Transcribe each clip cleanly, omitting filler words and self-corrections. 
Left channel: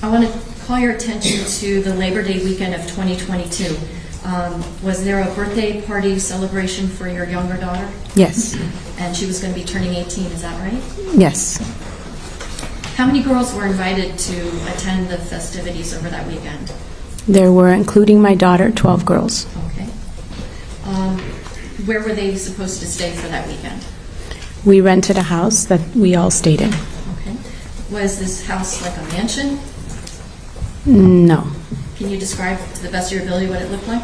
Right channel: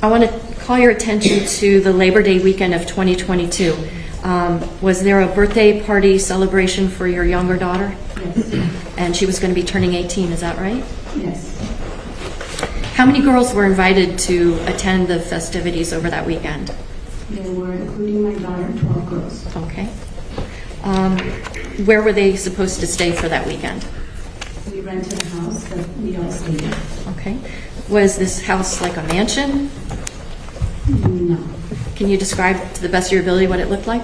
I want to call your attention to the Labor Day weekend of 2022. Was there a birthday party celebration for your younger daughter? Yes. And she was going to be turning 18, is that right? Yes. How many girls were invited to attend the festivities over that weekend? There were, including my daughter, 12 girls. Okay. Where were they supposed to stay for that weekend? We rented a house that we all stayed in. Okay. Was this house like a mansion? No. Can you describe to the best of your ability what it looked like?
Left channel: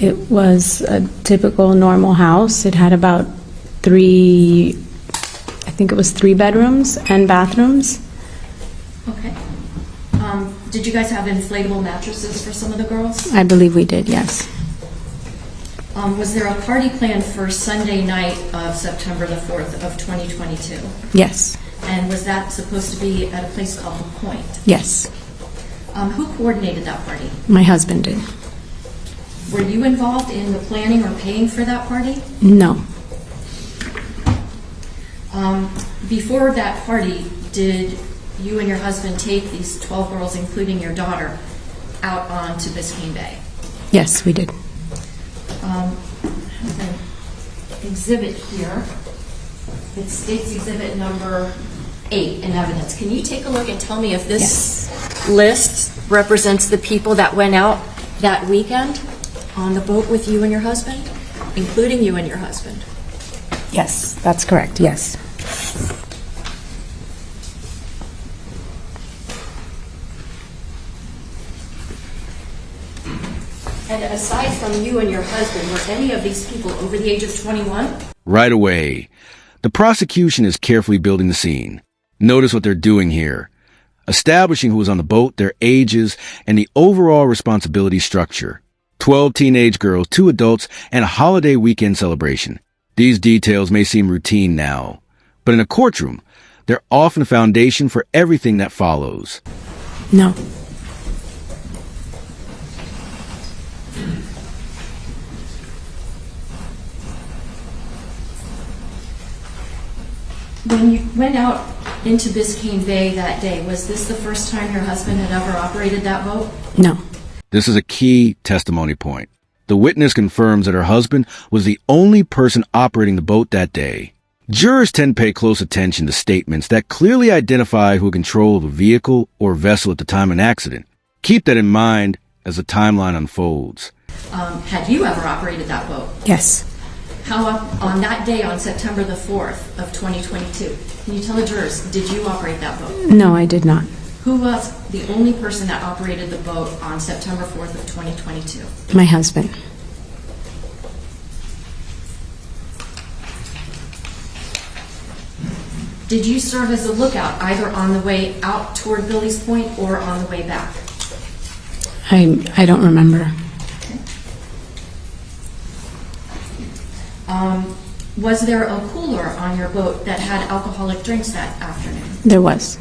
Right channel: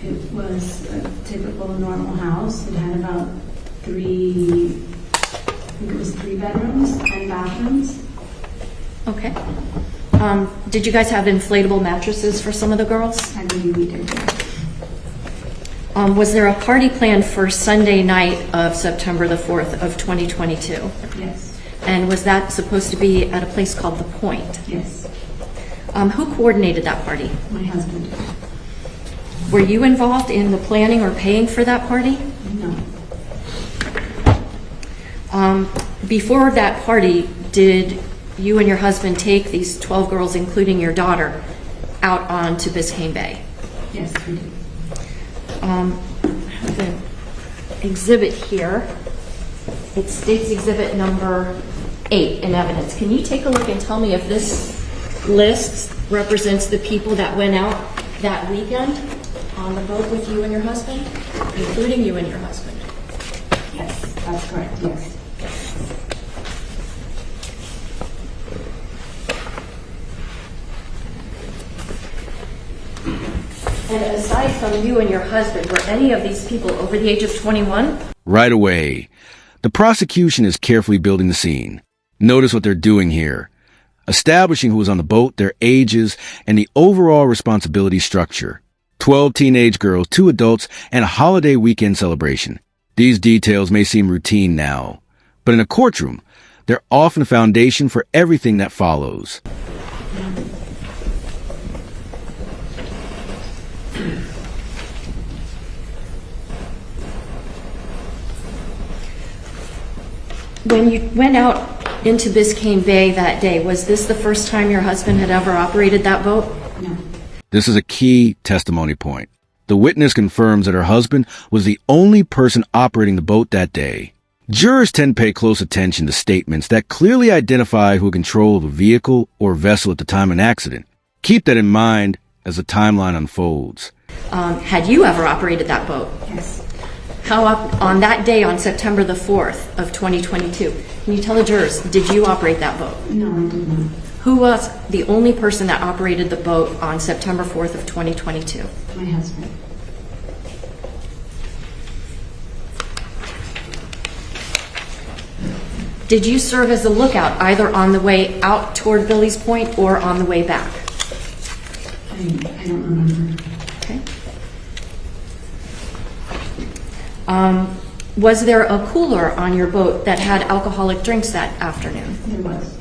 It was a typical normal house. It had about three bedrooms and bathrooms. Okay. Did you guys have inflatable mattresses for some of the girls? I believe we did, yes. Was there a party planned for Sunday night of September the 4th of 2022? Yes. And was that supposed to be at a place called The Point? Yes. Who coordinated that party? My husband did. Were you involved in the planning or paying for that party? No. Before that party, did you and your husband take these 12 girls, including your daughter, out onto Biscayne Bay? Yes, we did. I have an exhibit here. It states exhibit number 8 in evidence. Can you take a look and tell me if this list represents the people that went out that weekend on the boat with you and your husband, including you and your husband? Yes, that's correct, yes. And aside from you and your husband, were any of these people over the age of 21? Right away. The prosecution is carefully building the scene. Notice what they're doing here. Establishing who was on the boat, their ages, and the overall responsibility structure. 12 teenage girls, 2 adults, and a holiday weekend celebration. These details may seem routine now, but in a courtroom, they're often a foundation for everything that follows. No. When you went out into Biscayne Bay that day, was this the first time your husband had ever operated that boat? No. This is a key testimony point. The witness confirms that her husband was the only person operating the boat that day. Jurors tend to pay close attention to statements that clearly identify who controlled the vehicle or vessel at the time of an accident. Keep that in mind as the timeline unfolds. Had you ever operated that boat? Yes. How up on that day on September the 4th of 2022? Can you tell the jurors, did you operate that boat? No, I did not. Who was the only person that operated the boat on September 4th of 2022? My husband. Did you serve as a lookout either on the way out toward Billy's Point or on the way back? I don't remember. Okay. Was there a cooler on your boat that had alcoholic drinks that afternoon? There was.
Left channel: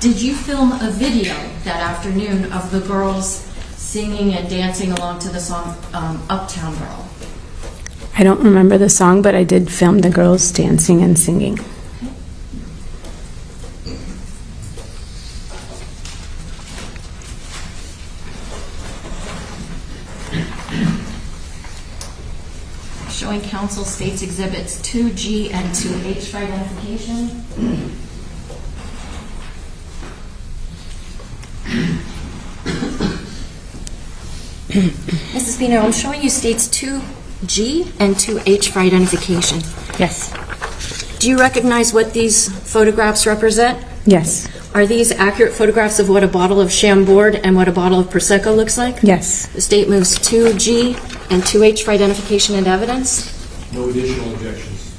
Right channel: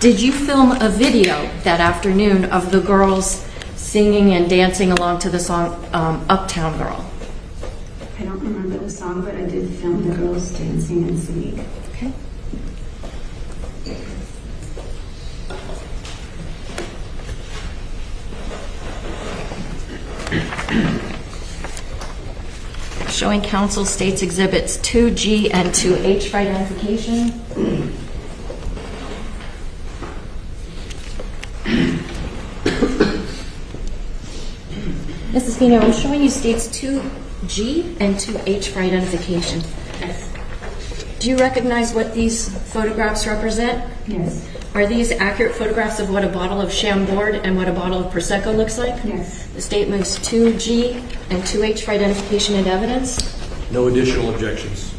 Did you film a video that afternoon of the girls singing and dancing along to the song Uptown Girl? I don't remember the song, but I did film the girls dancing and singing. Okay. Showing counsel states exhibits 2G and 2H for identification. Mrs. Pino, I'm showing you states 2G and 2H for identification. Yes. Do you recognize what these photographs represent? Yes. Are these accurate photographs of what a bottle of Chambord and what a bottle of Prosecco looks like? Yes. The state moves 2G and 2H for identification and evidence. No additional objections.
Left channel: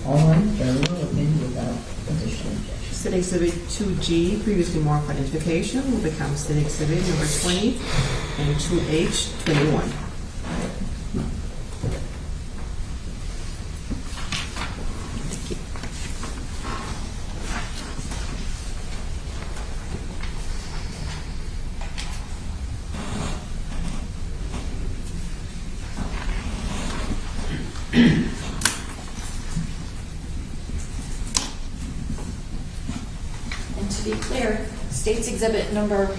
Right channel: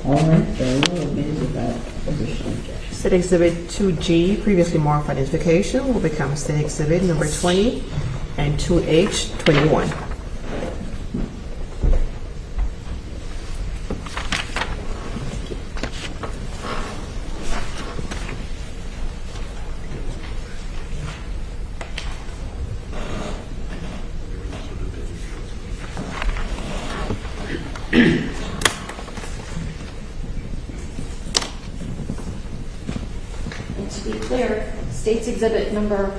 State Exhibit 2G, previously marked for identification, will become State Exhibit number 20 and 2H 21. be clear, State's Exhibit number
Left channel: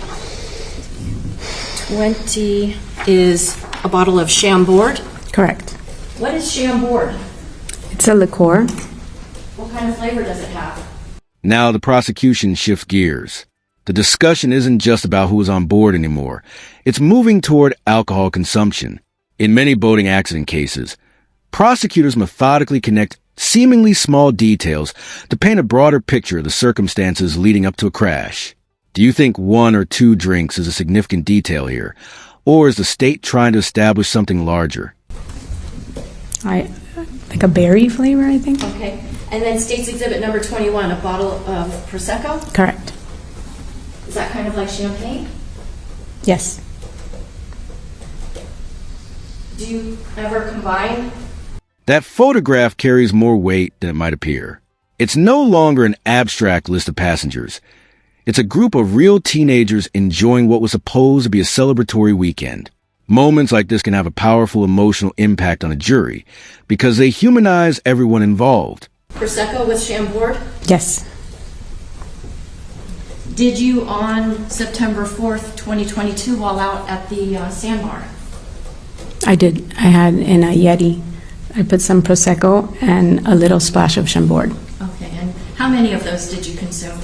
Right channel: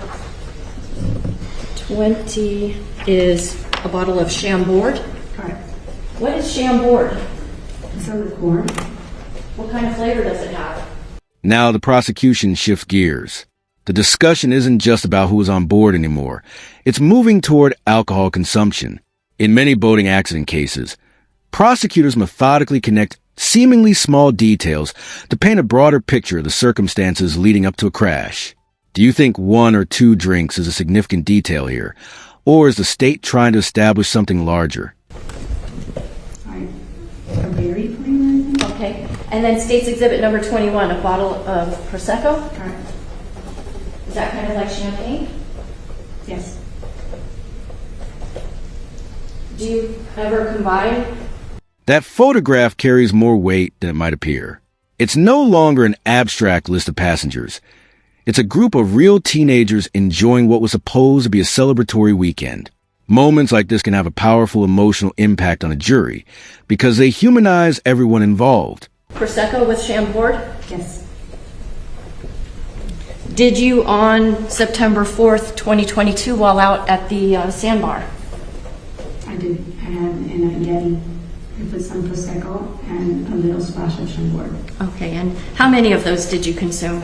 20 is a bottle of Chambord. Correct. What is Chambord? It's a liqueur. What kind of flavor does it have? Now the prosecution shifts gears. The discussion isn't just about who is on board anymore. It's moving toward alcohol consumption. In many boating accident cases, prosecutors methodically connect seemingly small details to paint a broader picture of the circumstances leading up to a crash. Do you think 1 or 2 drinks is a significant detail here? Or is the state trying to establish something larger? Like a berry flavor, I think. Okay. And then State's Exhibit number 21, a bottle of Prosecco. Correct. Is that kind of like champagne? Yes. Do you ever combine? That photograph carries more weight than it might appear. It's no longer an abstract list of passengers. It's a group of real teenagers enjoying what was supposed to be a celebratory weekend. Moments like this can have a powerful emotional impact on a jury because they humanize everyone involved. Prosecco with Chambord? Yes. Did you on September 4th, 2022, while out at the sandbar? I did. I had in a Yeti. I put some Prosecco and a little splash of Chambord. Okay, and how many of those did you consume?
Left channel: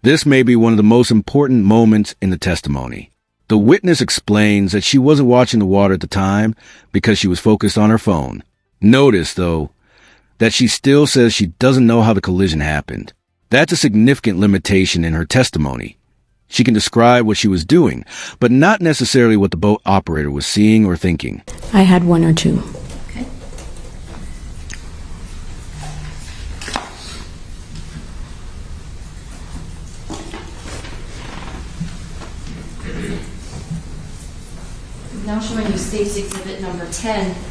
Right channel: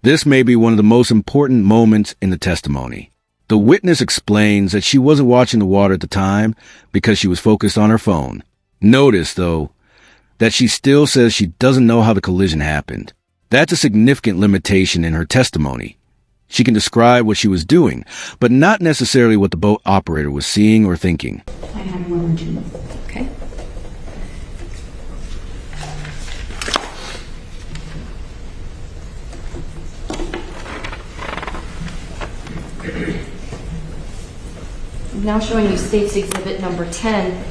This may be one of the most important moments in the testimony. The witness explains that she wasn't watching the water at the time because she was focused on her phone. Notice, though, that she still says she doesn't know how the collision happened. That's a significant limitation in her testimony. She can describe what she was doing, but not necessarily what the boat operator was seeing or thinking. I had 1 or 2. Okay. I'm now showing you State's Exhibit number 10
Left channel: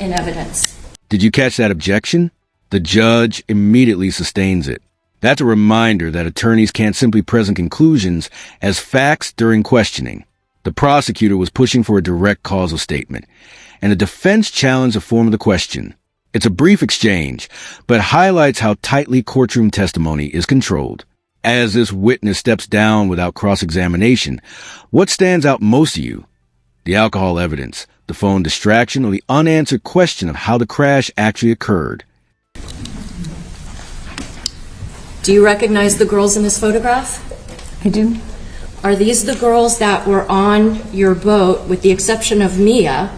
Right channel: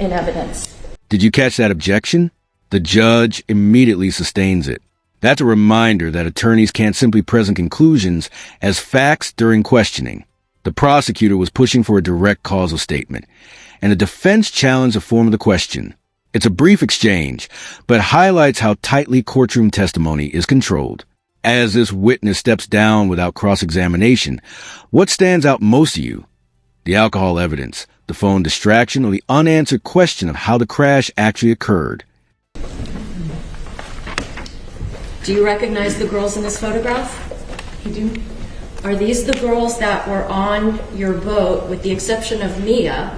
in evidence. Did you catch that objection? The judge immediately sustains it. That's a reminder that attorneys can't simply present conclusions as facts during questioning. The prosecutor was pushing for a direct causal statement, and the defense challenged the form of the question. It's a brief exchange, but highlights how tightly courtroom testimony is controlled. As this witness steps down without cross-examination, what stands out most to you? The alcohol evidence, the phone distraction, or the unanswered question of how the crash actually occurred? Do you recognize the girls in this photograph? I do. Are these the girls that were on your boat, with the exception of Mia,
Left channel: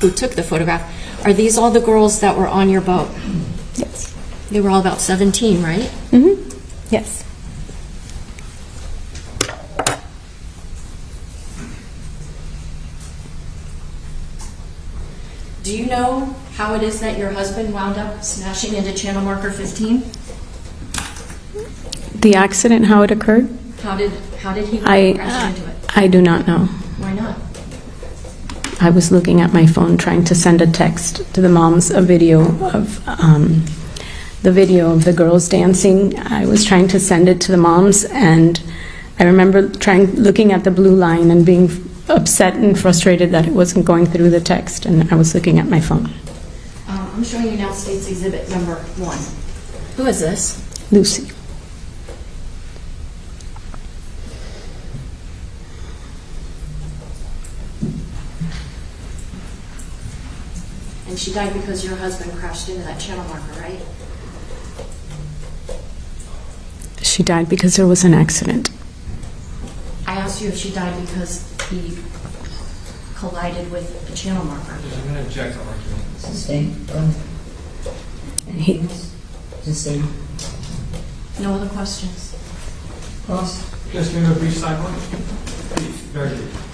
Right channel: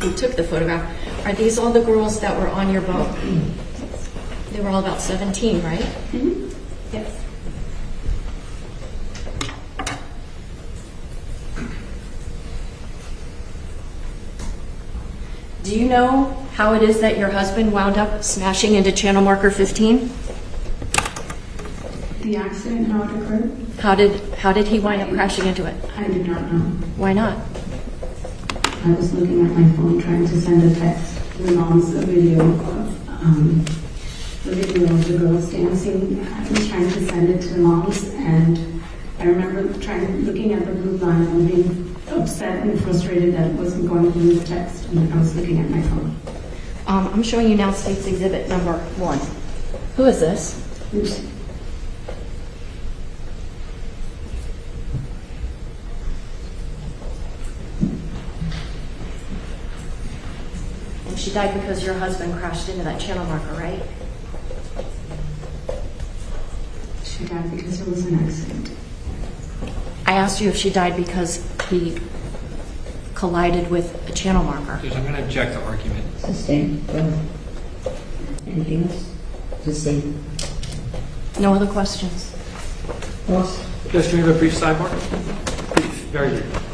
who took the photograph? Are these all the girls that were on your boat? Yes. They were all about 17, right? Mm-hmm. Yes. Do you know how it is that your husband wound up smashing into channel marker 15? The accident, how it occurred? How did he wind up crashing into it? I do not know. Why not? I was looking at my phone trying to send a text to the moms, a video of the girls dancing. I was trying to send it to the moms, and I remember looking at the blue line and being upset and frustrated that it wasn't going through the text, and I was looking at my phone. I'm showing you now State's Exhibit number 1. Who is this? Lucy. And she died because your husband crashed into that channel marker, right? She died because there was an accident. I asked you if she died because he collided with a channel marker. Judge, I'm going to object to argument. Sustained. Anything else? Sustained. No other questions? Cross. Judge, do we have a brief sidebar? Brief, very brief.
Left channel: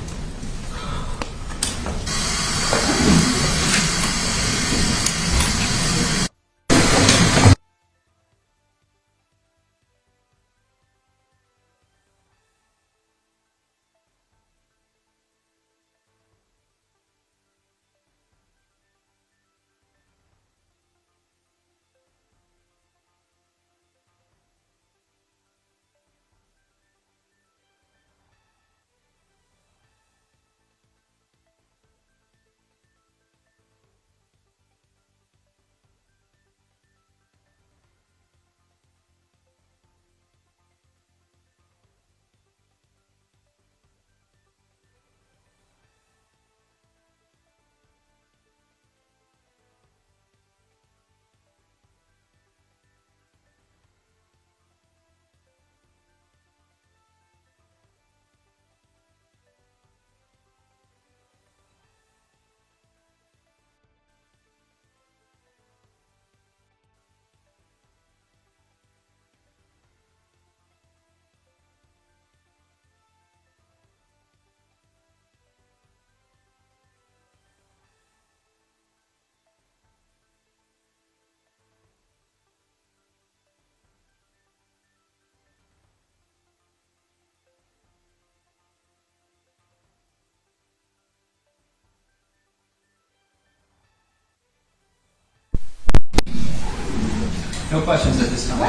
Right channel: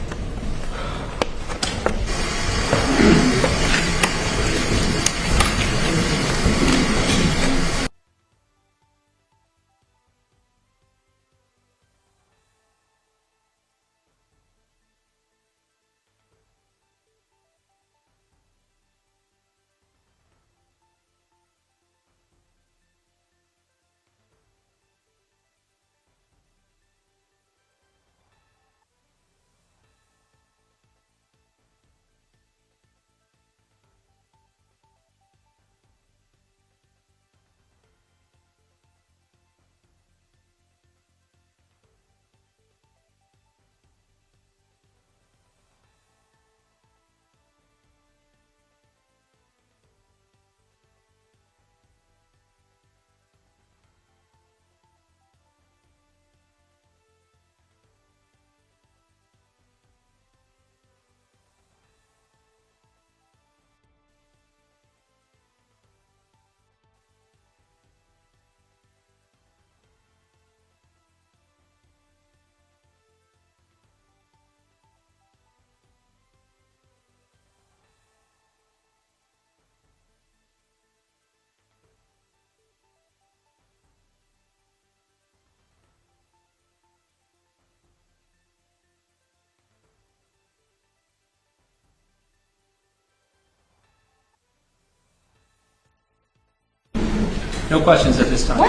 No questions at this time.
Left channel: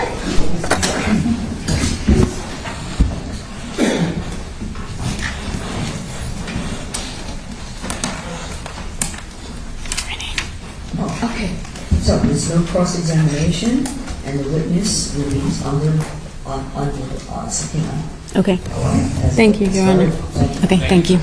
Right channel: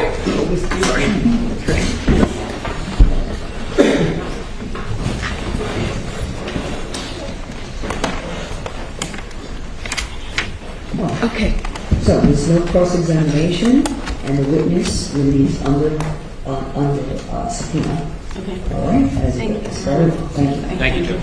Okay. So there's no cross-examination, and the witness will be under subpoena. Okay. All right? Thank you, Your Honor. Okay, thank you.